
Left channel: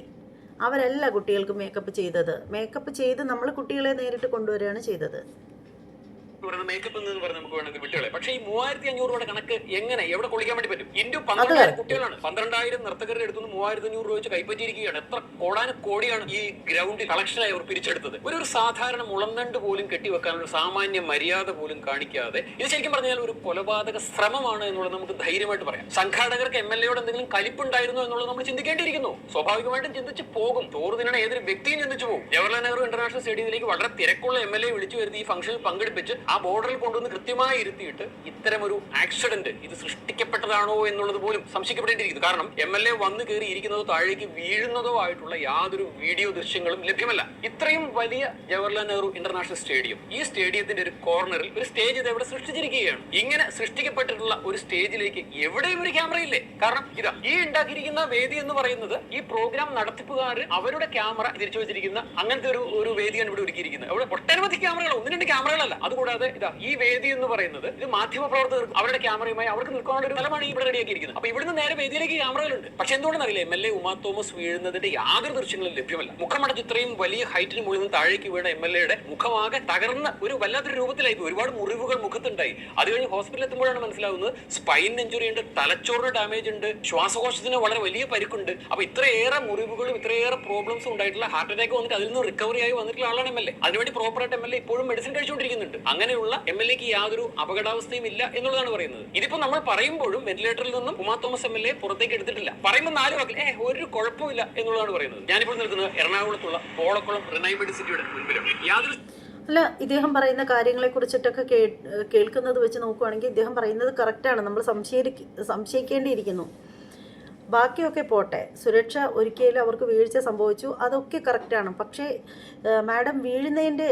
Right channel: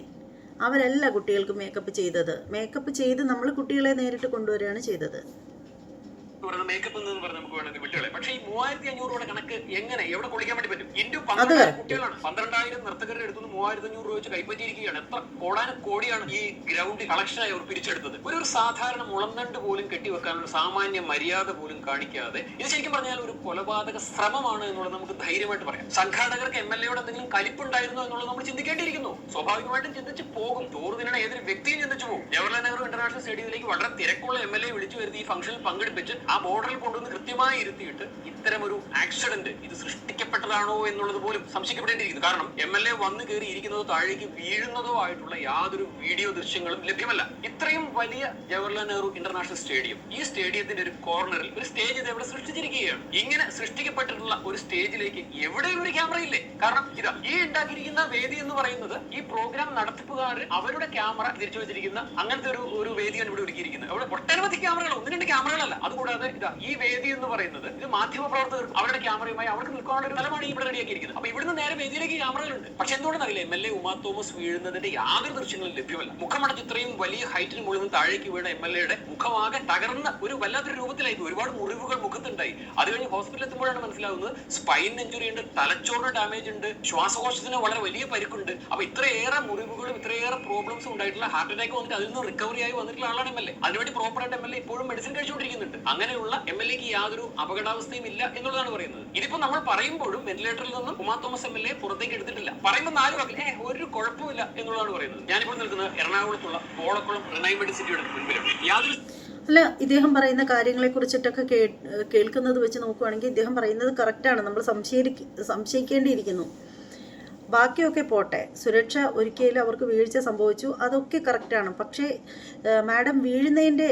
അവരല്ല കുട്ടികൾക്ക് മേക്കപ്പ് ചെയ്തത്. മേക്കപ്പ് ചെയ്ത് നമ്മൾ കുട്ടികളെ നേരിട്ട് കൊണ്ടുവരികയാണ് ചെയ്തത്. പറയുന്ന മേക്കപ്പ് എന്ന് പറഞ്ഞ് നമുക്ക് വേണമെങ്കിൽ വിട്ടുകളെ പക്ഷേ ഈ മൂവായിരത്തി അഞ്ഞൂറ് രൂപയുടെ കണക്ക് എങ്ങനെ? എവിടെ കൊള്ളിക്കാൻ വേണ്ടി പറ്റും? അത്. പന്ത്രണ്ടായിരം കുട്ടികളാണ്. പന്ത്രണ്ടായിരം നർത്തകരുടെ അടുത്തുനിന്ന് മൂവായിരത്തി അഞ്ഞൂറ് രൂപ വെച്ച് കൈപ്പറ്റിയിരിക്കുകയാണ്. എത്ര കോടാന കോടിയാണ് ഈ ഗ്രൗണ്ടിൽ കളക്ഷനായി അവർ പിരിച്ചെടുത്തത്. ഒരു ഒരു സാധാരണ മുളന്തണ്ട് പോലും കെട്ടിവെക്കാനുള്ള സാമാന്യ മര്യാദ പോലും കാണിക്കാതെ ഇത് ശരിക്കും പറഞ്ഞാൽ ഒരു കൊലപാതക ശ്രമമാണ് എന്നുള്ളത് നമുക്ക് ധൈര്യമായിട്ട് പറയാം. സംഘാടകർക്ക് എം എൽ എയോട് എന്തെങ്കിലും കലിപ്പുണ്ടായിരുന്നു എന്നുള്ളത് നമ്മൾ ചിന്തിക്കേണ്ടിയിരിക്കുന്നു. സ്വാഭാവികമായിട്ടും ചിന്തിച്ച് പോകും. ചോറ് തിന്നണ ഏതൊരു വ്യക്തിയും ചിന്തിച്ചു പോകും. ജവഹർലാൽ നെഹ്റു ഇന്റർനാഷണൽ സ്റ്റേഡിയത്തിലേക്ക് വളരെ തിരക്കുള്ള എം എൽ എ വിളിച്ചു വരുത്തി ഈ ഫംഗ്ഷനിൽ പങ്കെടുപ്പിച്ച് ആ ബോർഡറിൽ കൊണ്ടുവന്ന് കൃത്യമായി ഇരുത്തിയിട്ട് ഇത്തരം ഒരു ആക്സിഡന്റ് ഇത് സൃഷ്ടിക്കപ്പെട്ടതാണോ എന്നുള്ളത് പോലും സംശയിക്കപ്പെടേണ്ടിയിരിക്കുന്നു. കാരണം എം എൽ എ വന്ന് കയറി ഇരിക്കുന്നതോ താഴേക്ക് വീഴുന്നതോ ആയിട്ടുള്ള യാതൊരു വീഡിയോ ദൃശ്യങ്ങളും ലഭ്യമല്ല. ഇത്രയും വലിയ ജവഹർലാൽ നെഹ്റു ഇന്റർനാഷണൽ സ്റ്റേഡിയം ഈ സ്റ്റേഡിയത്തിന്റെ ഒരു കോർണറിൽ ഒരു സ്റ്റേജ് ഇത് ഇവിടെ സൃഷ്ടിച്ചിരിക്കുകയാണ്? ഇങ്ങനെ സൃഷ്ടിക്കപ്പെട്ടിട്ടുള്ള ഒരു സ്റ്റേജിലേക്ക് എവിടെയും ഒരു ക്യാമറ ഇല്ലേ? കാരണം ഇതാ ഈ ഉണ്ടാക്കിയിരിക്കുന്ന വേദി എന്ന് പറയുന്നത് ഈ പ്രോഗ്രാം നടത്തിപ്പുകാർ അവരുടെ ക്യാമറ തിരിച്ചു വെച്ചിരിക്കുന്ന അങ്ങനത്തെ ഒരു ഒരു വേദിയാണ് ഇവിടെ ഒരുക്കിയിരിക്കുന്നത്. അവിടെ ഒട്ടനവധി ക്യാമറകൾ ഒന്ന് രണ്ട് ക്യാമറകളല്ല അതുകൂടാതെ ഇതാ ഈ വേദി എന്ന് പറയുന്നത് ഇത് മാധ്യമ പ്രവർത്തകർ അവരുടെ ക്യാമറയുമായി അവർക്ക് നിൽക്കാനുള്ള ഒരു സ്ഥലമാണ് ഇവിടെ റെഡിയാക്കിയിരിക്കുന്നത്. അപ്പൊ ഇവിടുന്ന് നേരെ വേദിയിലേക്ക് ക്യാമറകളുണ്ട്. പക്ഷെ എന്തുകൊണ്ടെന്ന് അറിയില്ല M L A Uma Thomas വീഴുന്നതിന്റെ യാതൊരു ദൃശ്യങ്ങളും ലഭ്യമല്ല. മുഖമടച്ച് ഇത്രയും വലിയ ഹൈറ്റിന് മുകളിൽ താഴേക്ക് വീണ എം എൽ എയുടെ മുഖമാകെ തകർന്ന ഒരു വല്ലാത്തൊരു രൂപത്തിലായി ഒരുപാട് മുറിവുകൾ മുഖത്തുണ്ടായി. അത് കഴിഞ്ഞ് ഹോസ്പിറ്റലിൽ എത്തുമ്പോഴാണ് മനസ്സിലാവുന്നത് സ്പൈൻ ഇഞ്ചുറി ഉണ്ട് തലച്ചോറിന് ഡാമേജ് ഉണ്ട് ശ്വാസകോശത്തിന് വളരെ വലിയ പരിക്കുണ്ട്. അപ്പൊ ഇത്രയേറെ മുറിവുകളും ഇത്രയേറെ പ്രോബ്ലംസും ഉണ്ടായിട്ടുള്ള ഹാർട്ട് അറ്റാക്ക് വന്നിട്ട് അതിൽ നിന്ന് റിക്കവറി ആയി വന്നിട്ടുള്ള ആളാണ് എം എൽ എ അതിനുവേണ്ടി പ്രോപ്പറായിട്ട് എം എൽ എ ഇപ്പോഴും മെഡിസിൻ കഴിച്ചുകൊണ്ടിരിക്കുന്നുണ്ട്. അങ്ങനെയുള്ള എം എൽ എക്ക് യാതൊരു അപകടാവസ്ഥയും ഇല്ല എന്നുള്ളതാണ് പറയുന്നത്. ഇതിപ്പോ നമ്മൾ പറയുമ്പോഴും വെന്റിലേറ്ററിൽ നിന്നും Uma Thomas M L A പുറത്തേക്ക് എടുത്തിട്ടില്ല. പറയുമ്പോൾ നാല് വാക്കിൽ ഏ ഒരു കുഴപ്പമില്ല എന്നുള്ളതാണ് പറയുന്നത്. ഞാനിപ്പോൾ നിൽക്കുന്നത് എറണാകുളത്തുള്ള കോളക്കുളം റിനൈ മെഡിസിറ്റിയുടെ മുൻപിലാണ്. യാതൊരു അല്ല ഇദ്ദേഹം പറയുന്ന കാര്യങ്ങളെ കുറിച്ചിട്ടൊക്കെ കേ കേൾക്കുന്നത് വെച്ച് നോക്കുവാണെങ്കിൽ ഇദ്ദേഹം പറയുന്നത് കറക്റ്റാണ് നമ്മൾ സംശയി സംശയിക്കേണ്ടിയിരിക്കുന്നു. ബാക്കിയൊക്കെ പോട്ടെ. സുരക്ഷ ഒരിക്കലും അവർക്ക് വീഴ്ച സംഭവിച്ചു. അതൊക്കെ കറക്റ്റാണ് പക്ഷേ മാഡം വീഴുന്നതിന്റെ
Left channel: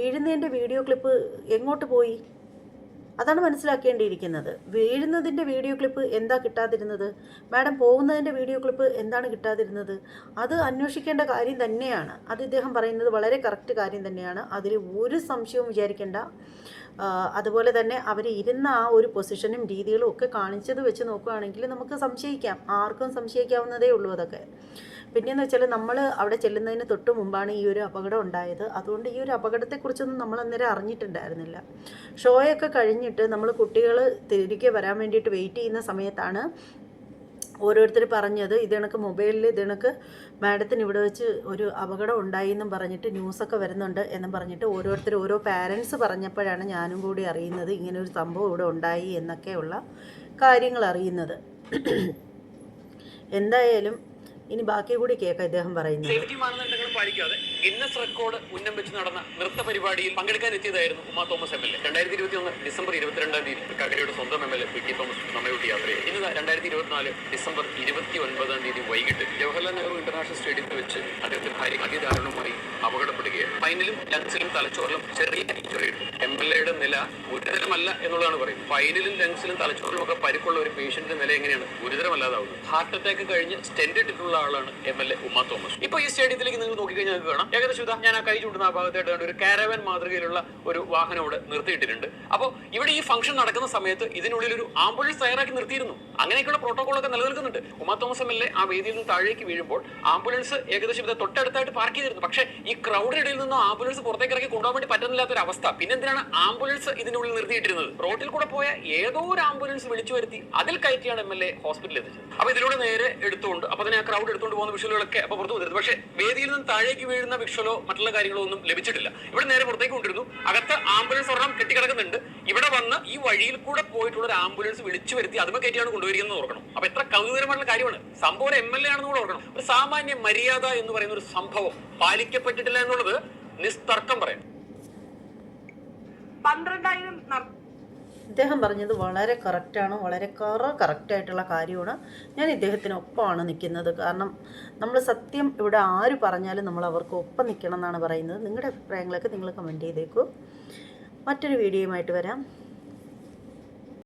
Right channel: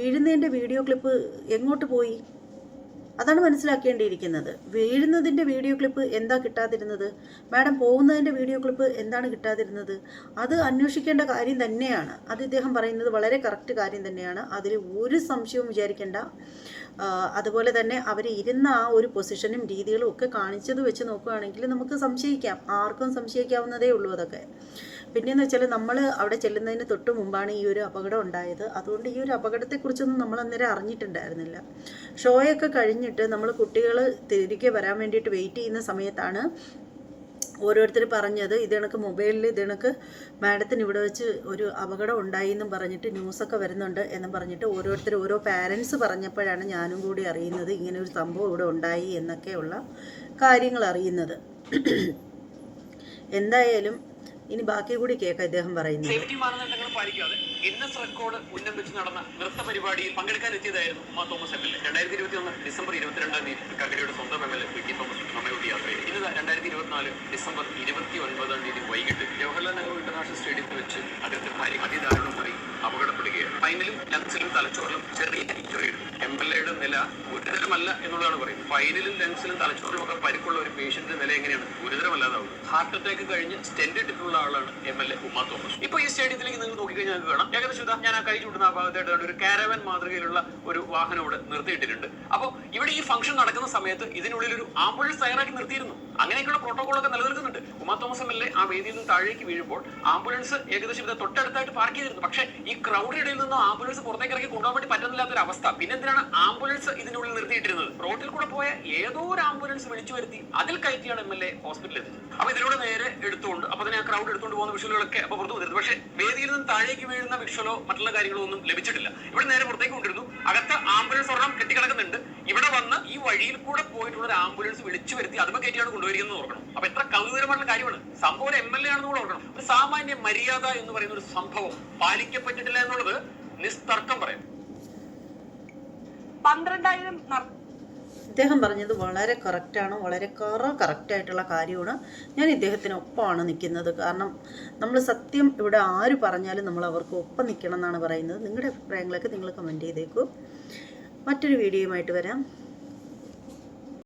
വീഴുന്നതിന്റെ വീഡിയോ ക്ലിപ്പ് എങ്ങോട്ട് പോയി? അതാണ് മനസ്സിലാക്കേണ്ടിയിരിക്കുന്നത്. വീഴുന്നതിന്റെ വീഡിയോ ക്ലിപ്പ് എന്താ കിട്ടാതിരുന്നത്? മാഡം പോകുന്നതിന്റെ വീഡിയോ ക്ലിപ്പ് എന്താണ് കിട്ടാതിരുന്നത്? അത് അന്വേഷിക്കേണ്ട കാര്യം തന്നെയാണ്. അത് ഇദ്ദേഹം പറയുന്നത് വളരെ കറക്റ്റ് കാര്യം തന്നെയാണ്. അതിൽ ഒരു സംശയവും വിചാരിക്കേണ്ട. അതുപോലെ തന്നെ അവർ ഇരുന്ന ആ ഒരു പൊസിഷനും രീതികളും ഒക്കെ കാണിച്ചത് വെച്ച് നോക്കുകയാണെങ്കിൽ നമുക്ക് സംശയിക്കാം. ആർക്കും സംശയിക്കാവുന്നതേ ഉള്ളൂ അതൊക്കെ. പിന്നെയെന്ന് വെച്ചാൽ നമ്മൾ അവിടെ ചെല്ലുന്നതിന് തൊട്ട് മുമ്പാണ് ഈ ഒരു അപകടം ഉണ്ടായത്. അതുകൊണ്ട് ഈ ഒരു അപകടത്തെക്കുറിച്ചൊന്നും നമ്മൾ അന്നേരം അറിഞ്ഞിട്ടുണ്ടായിരുന്നില്ല. ഷോയൊക്കെ കഴിഞ്ഞിട്ട് നമ്മൾ കുട്ടികൾ തിരികെ വരാൻ വേണ്ടിയിട്ട് വെയിറ്റ് ചെയ്യുന്ന സമയത്താണ് ഓരോരുത്തർ പറഞ്ഞത് ഇത് കണക്ക് മൊബൈലിൽ ഇത് മാഡത്തിന് ഇവിടെ വെച്ച് ഒരു അപകടം ഉണ്ടായി എന്നും പറഞ്ഞിട്ട് ന്യൂസൊക്കെ വരുന്നുണ്ട് എന്നും പറഞ്ഞിട്ട് ഓരോരുത്തർ ഓരോ പാരൻസ് പറഞ്ഞപ്പോഴാണ് ഞാനും കൂടി അറിയുന്നത് ഇങ്ങനെ ഒരു സംഭവം ഇവിടെ ഉണ്ടായി എന്നൊക്കെയുള്ള കാര്യങ്ങൾ അറിയുന്നത്. എന്തായാലും ഇനി ബാക്കി കൂടി കേൾക്കാം ഇദ്ദേഹം പറയുന്നത്. സേഫ്റ്റി മാനദണ്ഡങ്ങൾ പോലും പാലിക്കാതെ ഗിന്നസ് റെക്കോർഡ് ഉന്നം വെച്ച് നടന്ന നൃത്ത പരിപാടിയിൽ പങ്കെടുക്കാൻ എത്തിയതായിരുന്നു ഉമ്മ തോമസ് എം എൽ എ രണ്ടായിരത്തി ഇരുപത്തി ഒന്ന് ഡിസംബർ ഇരുപത്തിരണ്ടാം തീയതി. കക്കരയുടെ സ്വന്തം M L A P T Thomas നമ്മയോട്ട് യാത്ര ചെയ്തു ഇന്ന് രണ്ടായിരത്തി ഇരുപത്തിനാല് ഡിസംബർ ഇരുപത്തി ഒൻപതാം തീയതി വൈകിട്ട് ജവഹർലാൽ നെഹ്റു ഇന്റർനാഷണൽ സ്റ്റേഡിയത്തിൽ വെച്ച് അദ്ദേഹത്തിന്റെ ഭാര്യ അതിദാരുണമായി അപകടപ്പെടുകയാണ്. ഫൈനലും ലങ്സിലും തലച്ചോറിലും ചെറിയ ഇഞ്ചുറിയുണ്ട് എം എൽ എയുടെ നില ഗുരുതരമല്ല എന്നുള്ളതാണ് പറയുന്നത്. ഫൈനലും ലങ്സിലും തലച്ചോറിലും ഒക്കെ പരിക്കുള്ള ഒരു പേഷ്യന്റിന്റെ നില എങ്ങനെയാണ്? ഗുരുതരമല്ലാതാവുന്നത് ഹാർട്ട് അറ്റാക്ക് കഴിഞ്ഞ് സ്റ്റെൻഡ് ഇട്ടിട്ടുള്ള ആളാണ് M L A Uma Thomas. ഇപ്പൊ ഈ സ്റ്റേഡിയത്തിലേക്ക് നിങ്ങൾ നോക്കിക്കഴിഞ്ഞാൽ നിങ്ങൾക്ക് കാണാം. ഏകദേശം ഇതാ ഞാൻ ആ കൈ ചൂണ്ടുന്ന ആ ഭാഗത്തായിട്ട് ഒരു കാരവൻ മാതൃകയിലുള്ള ഒരു വാഹനം ഇവിടെ നിർത്തിയിട്ടിട്ടുണ്ട്. അപ്പോൾ ഇവിടെ ഈ ഫംഗ്ഷൻ നടക്കുന്ന സമയത്ത് ഇതിനുള്ളിൽ ഒരു ആംബുലൻസ് തയ്യാറാക്കി നിർത്തിയിരുന്നു. അങ്ങനെയൊക്കെയുള്ള പ്രോട്ടോകോളൊക്കെ നിലനിൽക്കുന്നുണ്ട്. Uma Thomas M L A ആ വേദിയിൽ നിന്ന് താഴേക്ക് വീഴുമ്പോൾ ആംബുലൻസ് ഏകദേശം ഇത് തൊട്ടടുത്തായിട്ട് പാർക്ക് ചെയ്തിരുന്നു. പക്ഷേ ഈ ക്രൗഡിന്റെ ഇടയിൽ നിന്ന് ആംബുലൻസ് പുറത്തേക്ക് ഇറക്കി കൊണ്ടുപോകാൻ വേണ്ടി പറ്റുന്നില്ലാത്ത ഒരു അവസ്ഥ. പിന്നെ എന്തിനാണ് ആംബുലൻസ് ഇതിനുള്ളിൽ നിർത്തിയിട്ടിരുന്നത്? റോഡിൽ കൂടെ പോയ ഏതോ ഒരു ആംബുലൻസ് വിളിച്ചു വരുത്തി അതിൽ കയറ്റിയാണ് എം എൽ എ ഹോസ്പിറ്റലിൽ എത്തിച്ചത്. അപ്പൊ ഇതിലൂടെ നേരെ എടുത്തുകൊണ്ട് അപ്പൊ തന്നെ ആ ക്രൗഡ് എടുത്തുകൊണ്ട് പോകുന്ന വിഷ്വലുകളൊക്കെ അപ്പൊ പുറത്തു വന്നിരുന്നു. പക്ഷേ വേദിയിൽ നിന്ന് താഴേക്ക് വീഴുന്ന വിഷ്വലോ മറ്റുള്ള കാര്യങ്ങളോ ഒന്നും ലഭിച്ചിട്ടില്ല. ഇവിടെ നേരെ പുറത്തേക്ക് കൊണ്ടിരുന്നു. അകത്ത് ആംബുലൻസ് ഒരെണ്ണം കെട്ടിക്കിടക്കുന്നുണ്ട്. ഇവിടെ വന്ന് ഈ വഴിയിൽ കൂടെ പോയിട്ടുള്ള ഒരു ആംബുലൻസ് വിളിച്ചു വരുത്തി അതുമ്പോ കയറ്റിയാണ് കൊണ്ടുവരികയെന്ന് ഓർക്കണം. അപ്പൊ എത്ര കൗതുകരമായിട്ടുള്ള കാര്യമാണ്. സംഭവം ഒരു എം എൽ എ ആണെന്ന് കൂടെ ഓർക്കണം. ഒരു സാമാന്യ മര്യാദ എന്ന് പറയുന്ന ഒരു സംഭവം പാലിക്കപ്പെട്ടിട്ടില്ല എന്നുള്ളത് നിസ്തർക്കം പറയാം പന്ത്രണ്ടായിരം അദ്ദേഹം ഇദ്ദേഹം പറഞ്ഞത് വളരെ കറക്റ്റാണ് വളരെ കറ കറക്റ്റായിട്ടുള്ള കാര്യമാണ്. ഞാൻ ഇദ്ദേഹത്തിനൊപ്പമാണ് നിൽക്കുന്നത്. കാരണം നമ്മൾ സത്യം ഇവിടെ ആര് പറഞ്ഞാലും നമ്മൾ അവർക്ക് ഒപ്പം നിൽക്കണം എന്നാണ് പറയുന്നത്. നിങ്ങളുടെ അഭിപ്രായങ്ങളൊക്കെ നിങ്ങൾ കമന്റ് ചെയ്തേക്കൂ. മറ്റൊരു വീഡിയോയുമായിട്ട് വരാം.